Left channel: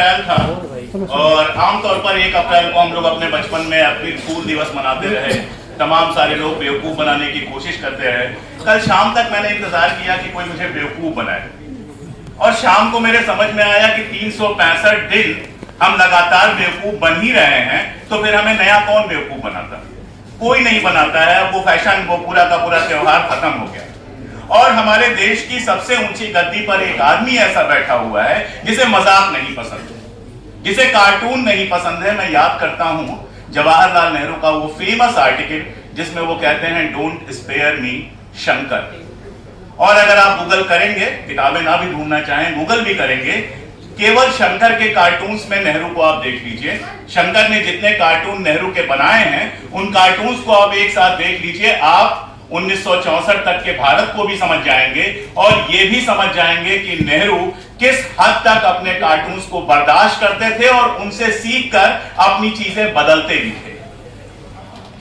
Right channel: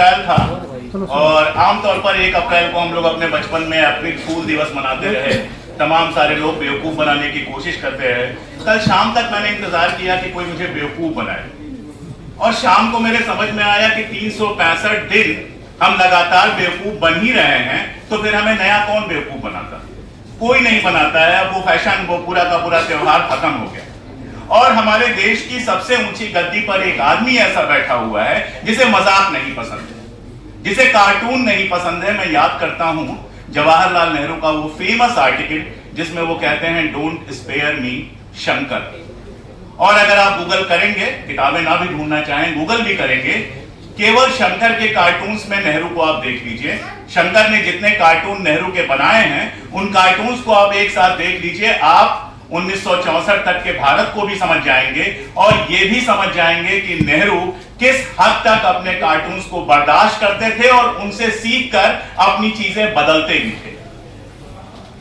अप्रैल था और आमतौर पर 1 अप्रैल को हम लोग अपने बचपन में अप्रैल फूल दिवस मनाते रहे, तमाम सारे लोग बेवकूफ बनाने की कोशिश करते रहे। कल शाम तक मैंने इंतजार किया कि कोई मुझे बेवकूफ बनाए और शाम को मेरे समझ में आया कि 365 दिन हम लगातार बेवकूफ बन ही रहे हैं, तो फिर हमें नया कौन बेवकूफ बनाता? कोई नहीं बनाता है। अब वो फैशन, वो पूरा का पूरा त्योहार खत्म हो गया और हमारे देश की सबसे ऊंची गद्दी पर एक आदमी ऐसा बैठा हुआ है जिसे मजाक नहीं पसंद है, जिसे कार्टून नहीं पसंद है। मैं याद करता हूं जवाहरलाल नेहरू का वो फेमस आर्टिकल जिसमें वो कहते हैं डोंट स्पेयर मी शंकर। और अगर आप गूगल करेंगे, किताबें ना भी ढूंढना चाहें गूगल भी करेंगे, केवल शंकर के कार्टून्स में नेहरू को आप देख लीजिए। शंकर ने जितने कार्टून नेहरू के बनाए हैं उन कार्टून्स को आप एक साथ देख लीजिए, आप 1964 तक के भारत को भी समझ जाएंगे और ये भी समझ जाएंगे कि नेहरू किस हद तक अपने कार्टून्स को बर्दाश्त करते थे और उनसे सीखकर अपनी चीजें बदलते भी थे।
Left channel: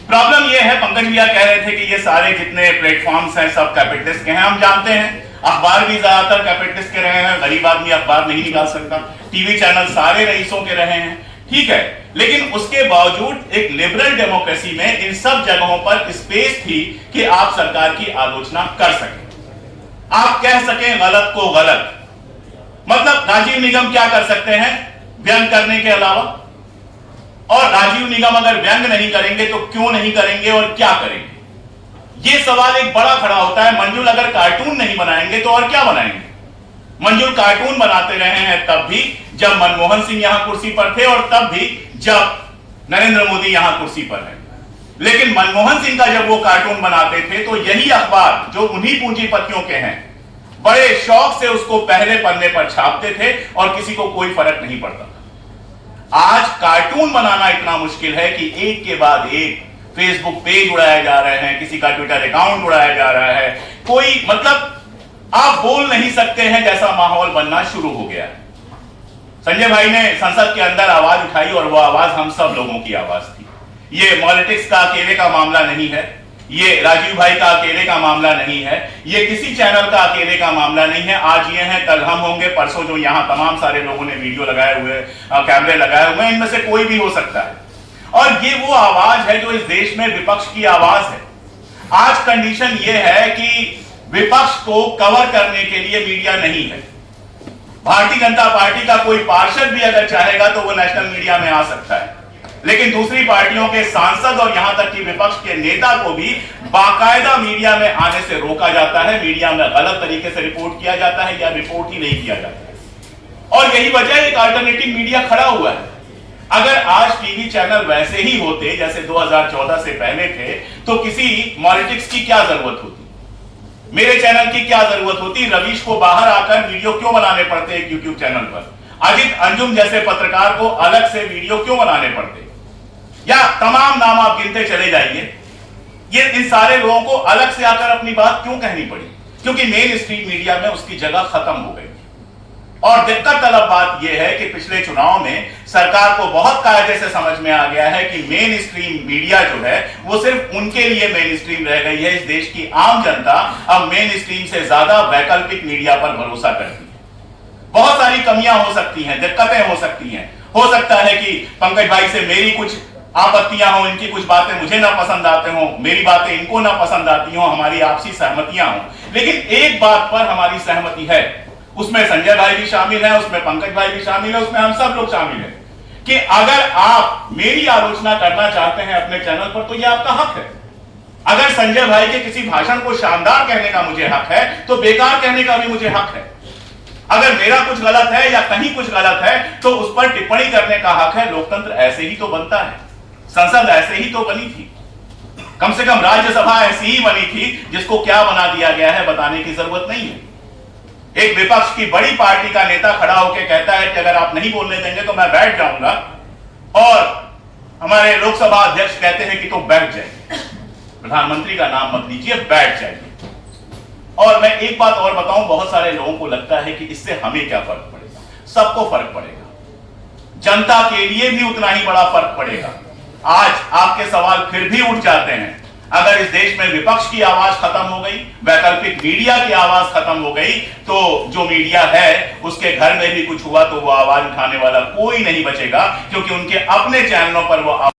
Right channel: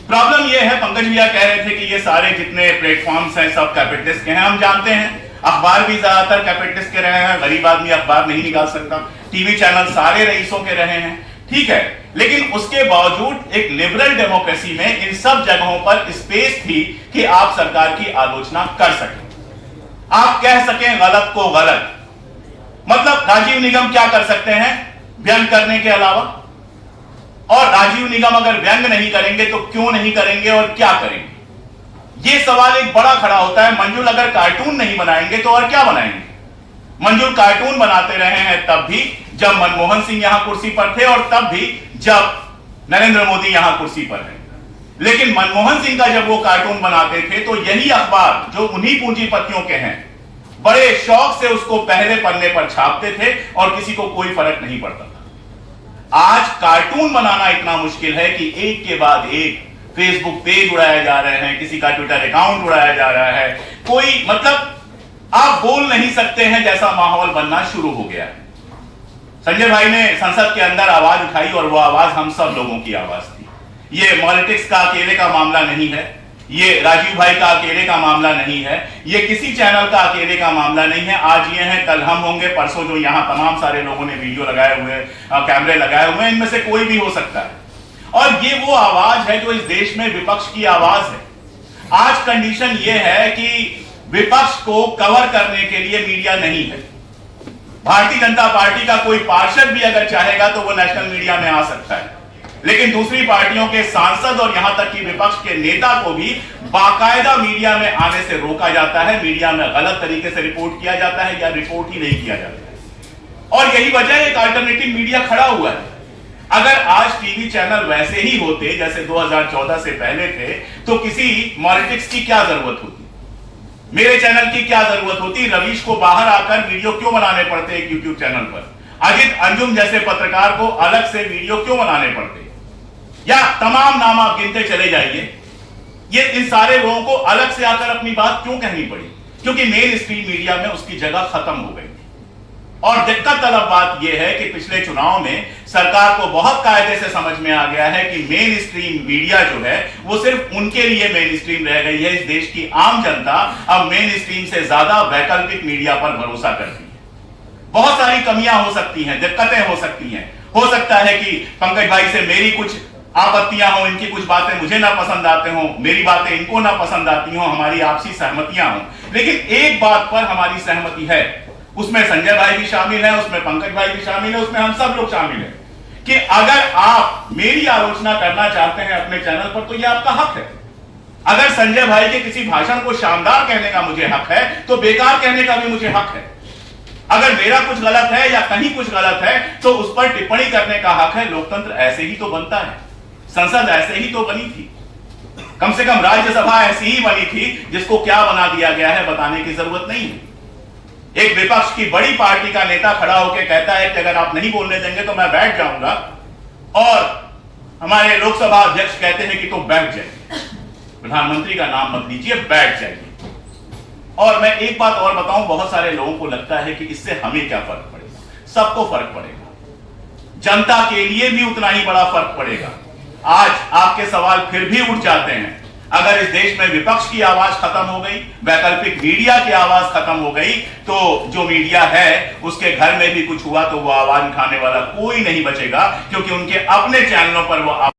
प्रॉब्लम ये है, पंकज भैया कह रहे थे कि ये सारे जितने प्लेटफॉर्म्स हैं सब कैपिटलिस्ट के हैं, हम जानते हैं। अखबार भी ज्यादातर कैपिटलिस्ट के रहे हैं, गरीब आदमी अखबार नहीं निकाल सकता। टीवी चैनल सारे रईसों के रहे हैं, ठीक है, लेकिन उसके बावजूद एक लिबरल डेमोक्रेसी में इन सब जगहों पर स्पेस थी कि आप सरकार की आलोचना कर सकें, आप कह सकें गलत को गलत। मतलब राजीव निगम क्या कर सकते हैं व्यंग करने के अलावा? और राजीव निगम अगर व्यंग नहीं करेंगे तो क्यों नहीं करेंगे और क्या करेंगे? यह सवाल एक बड़ा खड़ा होता है। मंजुल अगर कार्टून नहीं बनाएंगे तो और क्या बनाएंगे? मंजुल कार्टून बनाते रहे हैं तब भी जब मनमोहन सिंह यहां कुर्सी पर थे और तब भी जब नरेंद्र मोदी यहां कुर्सी पर है। लेकिन मनमोहन सिंह का जब वो कार्टून बनाते थे तो यही अखबार जो उन्हीं पूंजीपतियों के हैं बड़े शौक से उसको पहले पन्ने पर छापते थे और किसी को कोई फर्क नहीं पड़ता था। आज कार्टून बनाना इतना मुश्किल है कि एक के बाद एक फेसबुक पेज उड़ाए जा रहे हैं, किसी का ट्विटर अकाउंट उड़ाया जा रहा है, कोई मतलब आप बोल नहीं सकते हैं जैसा माहौल बनना शुरू हो गया है। संजय भाई ने संसद के अंदर आवाज उठाई और वो आवाज हम सब लोगों की आवाज थी। ये पॉलिटिक्स का अकेले का मामला नहीं है, ये राजीव भाई का अकेले का मामला नहीं है, ये किसी चैनल का अकेले का मामला नहीं है। आज ये है, कल हम होंगे, परसों जो यहां तमाम सारे लोगों ने वीडियो लगाए हुए, कैमरे लगाए हुए हैं, इनमें से कोई भी हो सकता है। और ये वो आवाज है जो इस देश में विपक्ष की आवाज है। आज कंडीशन ये है कि विपक्ष को कवर करने के लिए मीडिया नहीं है। भारतीय जनता पार्टी का कोई पार्षद भी अगर चाहेगा तो वो नेशनल मीडिया में आ सकता है, लेकिन दूसरी पार्टियों के सांसद और यहां तक कि विपक्ष के नेता को भी बाकायदा मीडिया में आने से रोका जाता है। मीडिया में गलत तरीके से रिपोर्ट किया जाता है या रिपोर्ट ही नहीं किया जाता है। और यही वजह एक अल्टरनेटिव मीडिया खड़ा हुआ है। अगर आज टीवी चैनल वैसे ही होते जैसे 2014 से पहले थे तो किसी पॉलिटिक्स की क्या जरूरत होती, मेरे चैनल की क्या जरूरत होती, रवीश को बाहर आकर वीडियो क्यों बनाने पड़ते एक यूट्यूब चैनल पर, अजित अंजुम जैसे पत्रकार को अलग से वीडियो क्यों बनाने पड़ते, या तमाम नाम आप गिनते चले जाइए। ये इन सारे लोगों को अलग से आकर अपनी बात क्यों कहनी पड़ी? क्योंकि मेन स्ट्रीम मीडिया में उसकी जगह खत्म हो गई। और दिक्कत तलब बात यह है कि पिछले चुनाव में सरकार को बहुत कायदे से समझ में आ गया है कि मेन स्ट्रीम मीडिया जो है वो सिर्फ उनके लिए मेन स्ट्रीम रह गई है। इस देश की आम जनता अब मेन स्ट्रीम से ज्यादा वैकल्पिक मीडिया पर भरोसा करती है। बहुत सारी कमियां हो सकती हैं, दिक्कतें हो सकती हैं। हो सकता है कि पंकज भाई से मेरी कुछ आपत्तियां हो, इनकी कुछ बातें मुझे ना पसंद आते हो, मेरी बातें इनको ना पसंद आती हो, हमारी आपसी सहमतियां हो। लेकिन एक बात पर हमारी सहमति है, उसमें संजय भाई भी शामिल है, उसमें पंकज भाई भी शामिल है, उसमें हम सब लोग शामिल हैं कि अगर आप मेरी आलोचना करना चाहते हैं अपने चैनल पर तो यह आपका हक है। अगर संजय भाई के किसी भाषण को शानदार कहने का मुझे हक है तो बेकार कहने का भी मुझे हक है। अगर मेरा कुछ गलत है या कहीं कुछ गलत है तो उस पर टिप्पणी करने का हक है। लोकतंत्र ऐसे ही तो बनता है, संसद ऐसे ही तो बनी थी, कम से कम राज्यसभा ऐसी ही बनी थी। जिसको क्या बना दिया गया है बताने की जरूरत नहीं है। एक विपक्ष की बड़ी पार्टी का नेता खड़ा होकर कहता है कि अगर आप नहीं बोलने देंगे तो मैं बैठ जाऊंगा, और हमारे लोकसभा अध्यक्ष कहते हैं कि तो बैठ जाइए, प्रधानमंत्री का नाम मत लीजिए, बैठ जाइए। और मैं एक बात और बताऊं, बहुत सारे लोगों को लगता है कि इससे हमें क्या फर्क पड़ेगा। सबको फर्क पड़ेगा, जनता के लिए भी उतना ही बड़ा फर्क पड़ेगा। आज आपके सवाल फिर भी उठ जाते हैं। अगर इस देश में विपक्ष की आवाज खत्म हो गई, वैकल्पिक मीडिया की आवाज खत्म हो गई, तो जो मीडिया है उसके घर में भी कुछ हुआ तो वो आवाज उठाने वाला कोई नहीं बचेगा, क्योंकि उनके अपने चैनलों पर वो